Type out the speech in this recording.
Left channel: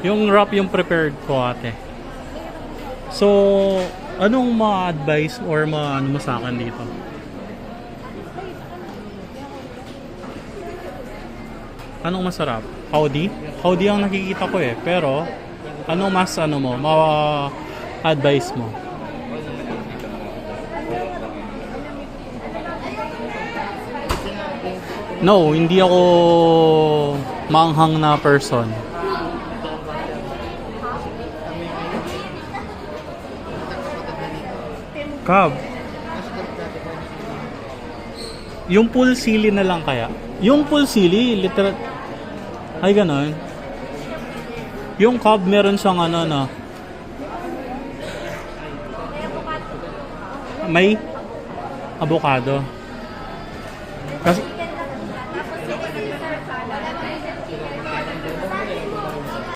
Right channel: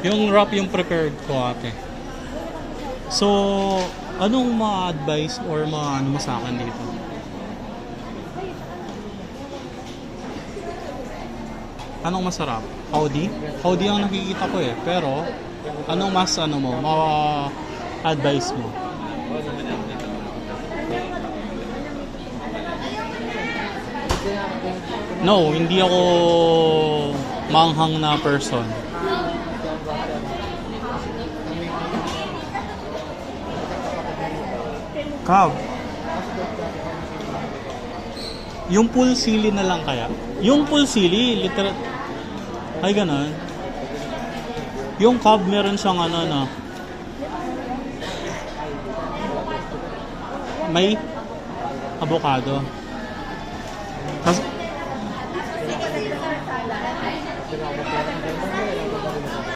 Yung wrap yung prepared ko ate. So, anong mga advice or mga ano mo sa akin dito? Anong masarap? Howdy? Howdy ang nakikita ko eh. Pero, anong mas ano mo? Ma-advice mo? No, hindi ako manghang na person. Cab. Yung full sili na lang kaya? Yung full sili, literal... Ay, ganun. Yung cab meron siyang ano na... May avocado.